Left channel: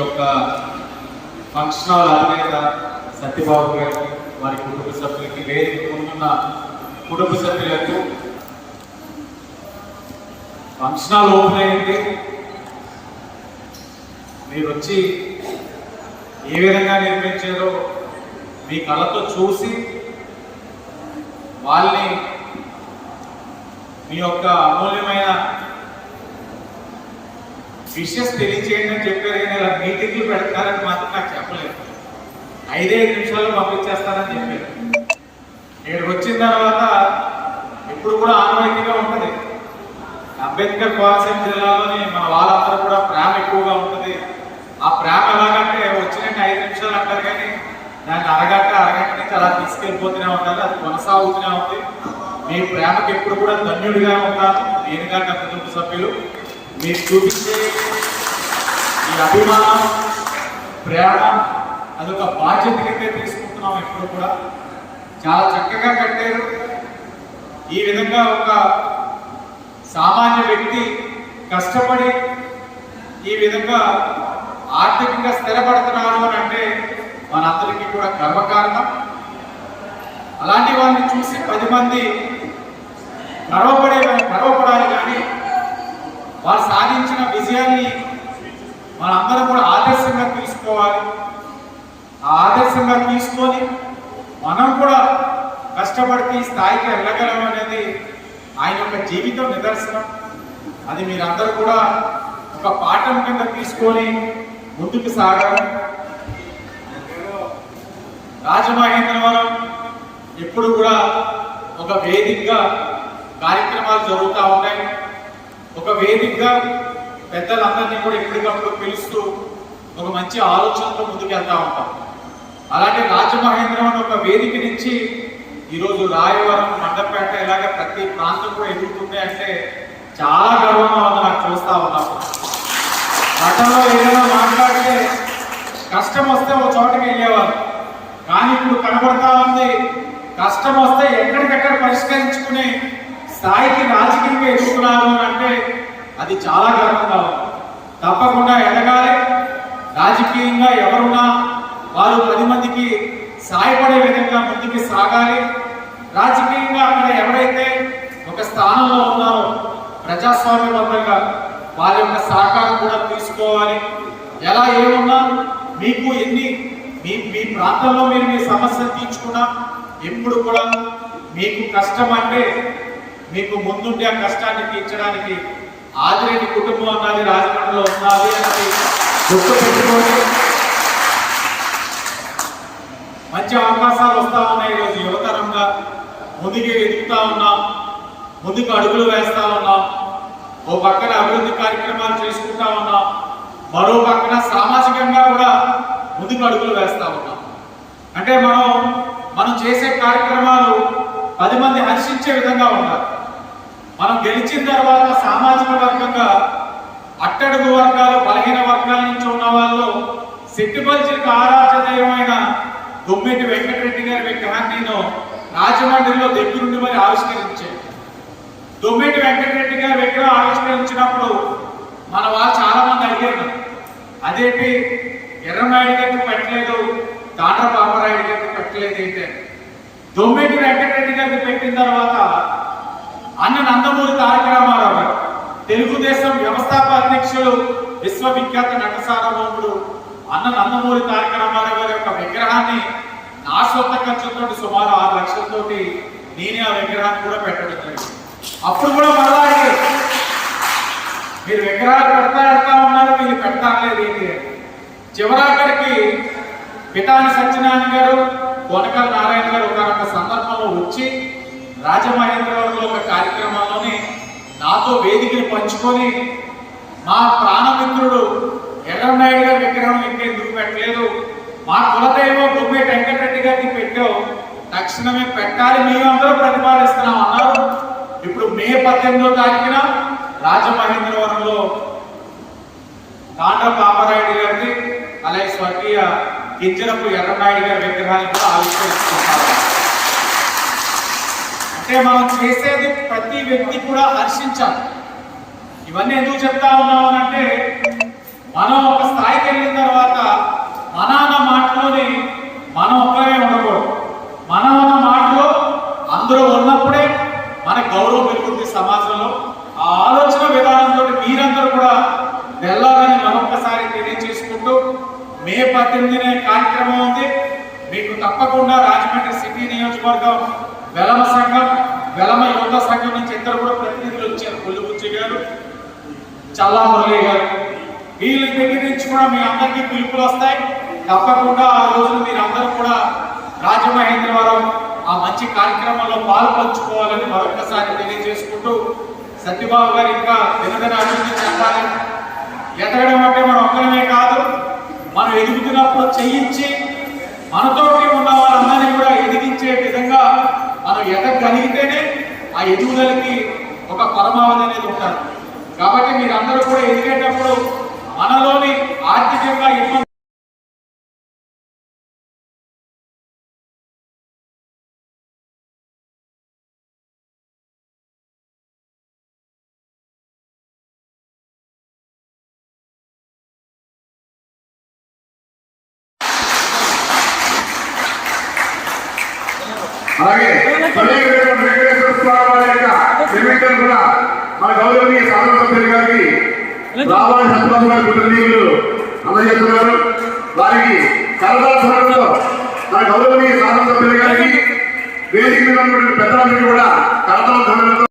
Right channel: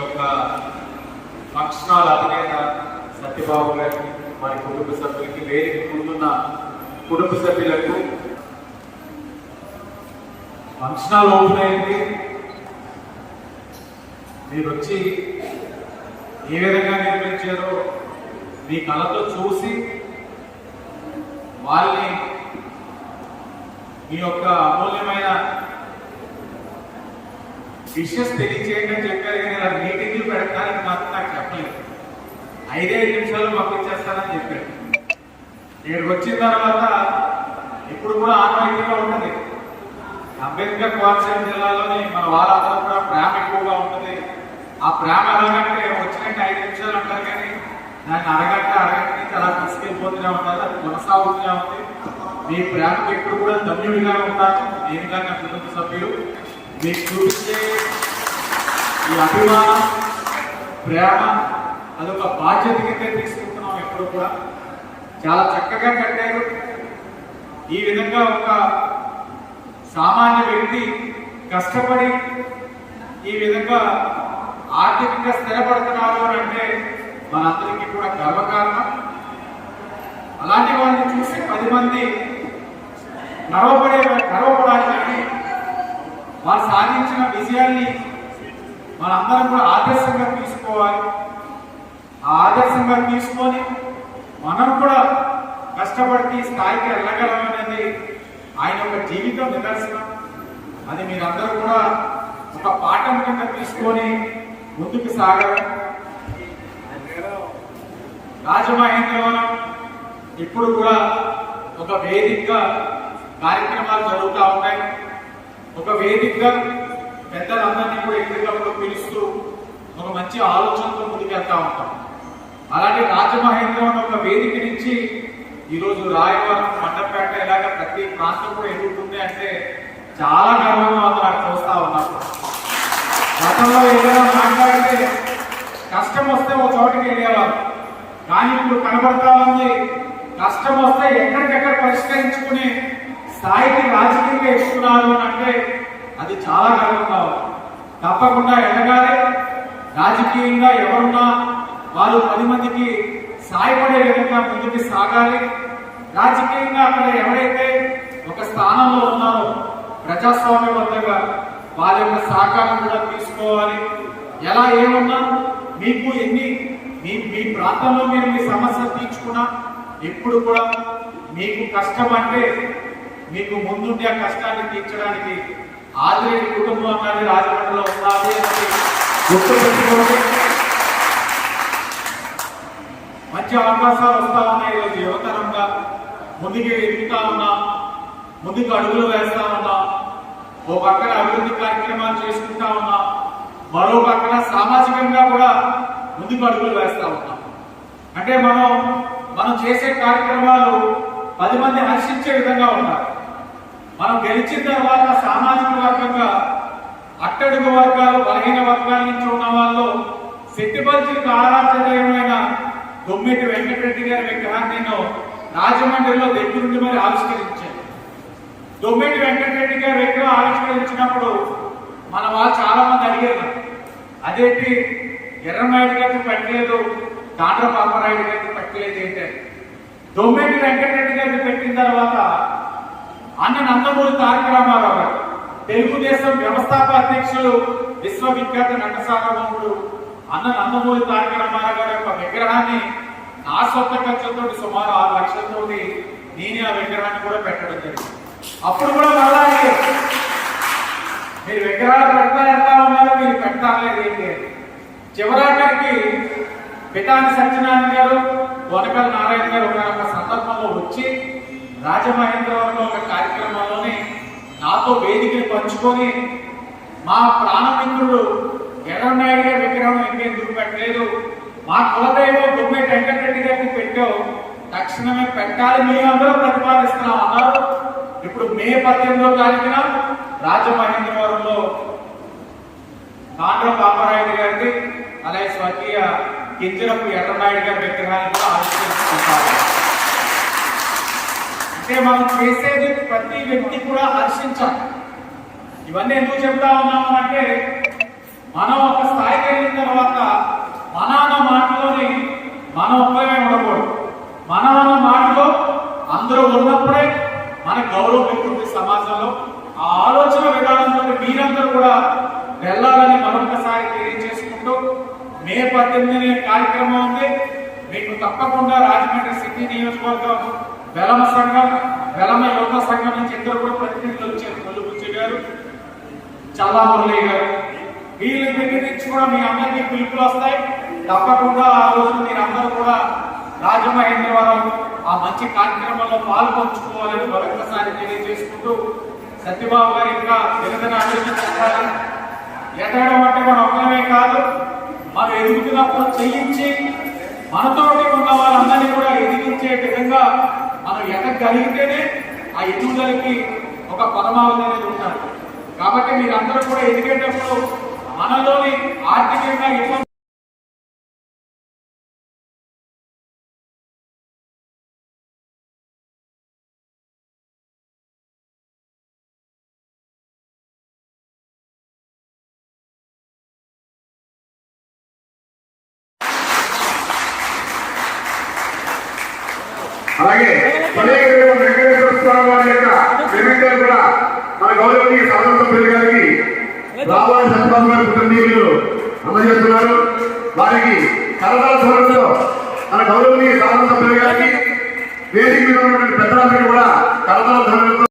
యొక్క function hall అధినేత సత్యబాబు గారికి, వారి కుటుంబ సభ్యులకి, వేదిక ముందున్న కుటుంబ సభ్యులకు, ఫంక్షన్ హాల్ ఓపెన్ అయింది. మీరు వచ్చి ఏ విధంగా నిర్మించారో మీ కళ్ళతో చూసి వాళ్ళని మీ యొక్క అమూల్యమైన విషెస్ తెలియచేయండి అని చెప్పారు. కానీ ఇలా మీటింగ్లు పెడతారని మాత్రం నాకు చెప్పలేదు. 5 నిమిషాలు పంపించేస్తారని చెప్పారు. ఇక్కడికి వచ్చిన తర్వాత ఇప్పుడు కూడా ఆనవాయితీగా ఉంటుంది. అంబేద్కర్ కోనసీమ జిల్లాలోని మన వాళ్ళందరూ కూడా ప్రేమ ఎక్కువగా ఉంటుంది. ఆ ప్రేమ ఎలాగంటే వచ్చినట్టు 5 నిమిషాలు అంటారు, కానీ దాన్ని అరగంట నుంచి అలా తీసుకెళ్ళిపోతూనే ఉండాలి. అది కొనసాగుతూనే ఉంది. మీ ప్రేమకు ఎప్పుడు కూడా ధన్యుడిగా ఉంటాను నేను కానీ నా కుటుంబ సభ్యులు. మీకు చూపించే ఈ అభిమానం, ప్రేమ అదొక బాధ్యత కింద తీసుకుంటున్నాం. ఎప్పుడు కూడా చాలా చక్కగా కట్టారు. ఈ విధంగా ఒక సామాన్య వ్యక్తి కష్టపడి ఈ విధంగా ఆర్థికంగా స్థిరపడుతున్నారు అని అంటే మనందరికీ కూడా గర్వకారణం. అలాంటి వాళ్ళని చూసి 10 మంది గర్వపడాలి. కానీ వారు సాధించిన విజయాన్ని మనందరం కూడా ఆదర్శంగా తీసుకోవాలి. ఆ ఆదర్శంగా తీసుకొని మనం కూడా కష్టపడితే ఈ స్థాయికి వెళ్ళగలం అనేది ఆయన యొక్క జీవితం నిదర్శనం. అది మీరందరూ కూడా ఒక పాఠం కింద తీసుకొని ముందుకు సాగాలి. రాజమహేంద్రవరం ఇప్పుడు కూడా ఒక వేదికగా కార్యక్రమాలు జరుగుతూ ఉన్నాయి. ఒక వేదికగా పెద్దలందరినీ కూడా ఎప్పటికప్పుడు పిలుస్తూ ఒక మంచి ఆలోచనతో ముందుకు వెళ్తూ ఉంటాం. అలాంటి రాజమహేంద్రవరం ఒక వేదిక నుంచి ఈరోజు రాయవరం, మండపేట ఇలాగ ప్రతి ప్రాంతం కూడా ఎదుర్కొంది అంటే చాలా గర్వంగా ఉంది నాకు చూస్తూ ఉన్నాం. గతంలో ఏదైనా మాట్లాడితే కష్టం వస్తే ఒక చోటకి వెళ్ళేవారు, కానీ ఇప్పుడు కనబడతా ఉంది కష్టం వస్తే ఎక్కడికక్కడ పరిష్కరించుకునే స్థాయికి రాజకీయంగా ఎదుగుతున్నారు అని అంటే అది చాలా గర్వంగా ఉంది. తప్పకుండా ఎదగాలి. రాజకీయంగా ఎవరున్నా వాళ్ళు 10 మందికి సాయపడే విధంగా ముందుకు సాగాలి. రాజకీయంగా అక్కడ ఎవరైతే ఒక స్థానంలో ఉన్నారో ప్రజాస్వామ్యబద్ధంగా వారి యొక్క సహకారం కూడా తీసుకోవాలి. ఎలా ఏమున్నా మీకు ఎన్ని మీ ప్రాంతంలో మీరు మీ సమస్యలు తీర్చుకున్నా ఎప్పుడు కూడా మీకు కష్టం అంటే మీకు ముందుండి ఆ కష్టాన్ని తీర్చడానికి ఆదిరెడ్డి కుటుంబం అన్నది రాజమండ్రిలో ఉన్నది అనేది గుర్తుపెట్టుకోండి. మంచి అవకాశాలు వస్తా ఉన్నాయి. ఈరోజు యువతరంగా ముందుకు ఎదుగుతా ఉన్నాం, ముందుకు అడుగులు వేస్తా ఉన్నాం. ఓ పక్కన అభివృద్ధి కార్యక్రమాలు చేసుకుంటా ఉన్నాం, మరో పక్కన సామాజికంగా కూడా ముందుకు అడుగులు వేస్తా ఉన్నాం. అంటే మనం చేసే కార్యక్రమాలు 10 మంది హర్షించే విధంగా ఉండాలి. మనం గెలిచిన తర్వాత సామాజిక వర్గంగా అట్టడుగు వర్గాలు, బలహీన వర్గాల నుంచి ఉన్న వాళ్ళు సిట్టిబల్జికి ఆరాధ్యమైన దొమ్మిటి వెంకటరెడ్డి గారి విగ్రహాన్ని నేను రాజమండ్రిలో దగ్గరుండి మరి ఆవిష్కరించాను. దొమ్మిటి వెంకటరెడ్డి గారి విగ్రహం ఆవిష్కరించినప్పుడు మన వాళ్ళు చాలా మంది అడిగారు, అదేంటి ఎర్రనాయుడు గారికి పెట్టలేదు, తాండ్ర పాపరాయుడు గారికి పెట్టలేదు ఏంటంటే, దొమ్మిటి వెంకటరెడ్డి గారికి పెట్టిన తర్వాత అన్న నందమూరి తారక రామారావు గారు, తెలుగుదేశం వ్యవస్థాపక అధ్యక్షులు, విశ్వవిఖ్యాత నట సార్వభౌముడు అన్న నందమూరి తారక రామారావు గారి యొక్క విగ్రహాన్ని నా సొంత ఖర్చుతో సుమారు 6 లక్షలతోటి నేనే ఆ విగ్రహాన్ని కూడా పెట్టడం జరిగింది. అప్పుడు కూడా మళ్ళా మీరు విగ్రహాలు పెడతా ఉన్నారు, మీరు పెట్టలేదు ఏంటి అని. చివరాఖరికి పితాని సత్యనారాయణ గారు, కొనకల నారాయణ గారు ఒక సందర్భంలో వచ్చి రాజమహేంద్రవరంలో ఒక కార్యక్రమంలోనే నాతో వేదికను పంచుకొని మా ప్రాణమిత్రుడు ఎర్రనాయుడు గారి విగ్రహం ఎందుకు పెట్టలేదు, మా కులదైవం గొమ్మిటి వెంకటరెడ్డి గారికి పెట్టావు, తక్షణమే పెట్టాలి, మేమందరూ ప్రతిపాదిస్తున్నాం అన్నారు. ఇప్పుడు మే 18వ తారీఖున రాజమహేంద్రవరంలో తాండ్ర పాపరాయుడు గారిది, అలాగే స్వర్గీయ కింజరపు ఎర్రనాయుడు గారి విగ్రహాన్ని కూడా ఆవిష్కరిస్తున్నారు. అంటే మనం చేసేది ప్రతి వ్యక్తి కూడా హర్షించాలి. ఇవన్నీ ఎందుకు చెప్తా ఉన్నామనంటే మనం ఒక స్థాయికి వెళ్ళిన తర్వాత 28 కార్యక్రమం ఉంది. మీకు తప్పకుండా రాజమండ్రి సిటీ నియోజకవర్గం వెలమ సంఘం, వెలమ యువత సంఘం నుంచి ఇద్దరు కూడా ప్రతినిధులు వచ్చారు. కొల్లుబుచ్చి గారు, చల్లా మురళి గారు. వీళ్ళ దగ్గర నుంచి కూడా మీ అందరికీ పిలుపులు వస్తాయి. తప్పకుండా ఆ రోజు మీరు అందరూ కూడా రాజమహేంద్రవరం ఆ మంచి కార్యక్రమంలో పాల్పంచుకోవాలని మరొకసారి తెలియజేసుకుంటూ, సత్యబాబు గారు ఇంకా దినదిన అభివృద్ధి చెందాలి. ఎదగడం అంటే మనం ఒక్కరమే కాదు, మనం ఎదుగుతున్నప్పుడు చెయ్యించి మనతోటి ఉన్న వాళ్ళందరినీ కూడా ఎదిగించే విధంగా మనం ఎదగలిగితేనే ఆ ఎదుగుదలకి ఒక పరమావధి అనేది ఉంటారు. కాబట్టి మీరందరూ కూడా ఎదిగేటప్పుడు మనలోని ఆర్థికంగా ఇబ్బంది అలాగే వెంకటేశ్వర స్వామి వారి యొక్క నిర్మించారు కూడా మన గౌరవనీయ శాసనసభ్యులు గారికి రావాలి సత్యబాబు గారి కుటుంబీకులు అందజేస్తున్నారు. వారికి కరదాసంలో మన గౌరవనీయ శాసనసభ్యులు గారికి వేదిక మీద ఉన్నటువంటి పెద్దలందరికీ కూడా కరదాసంలో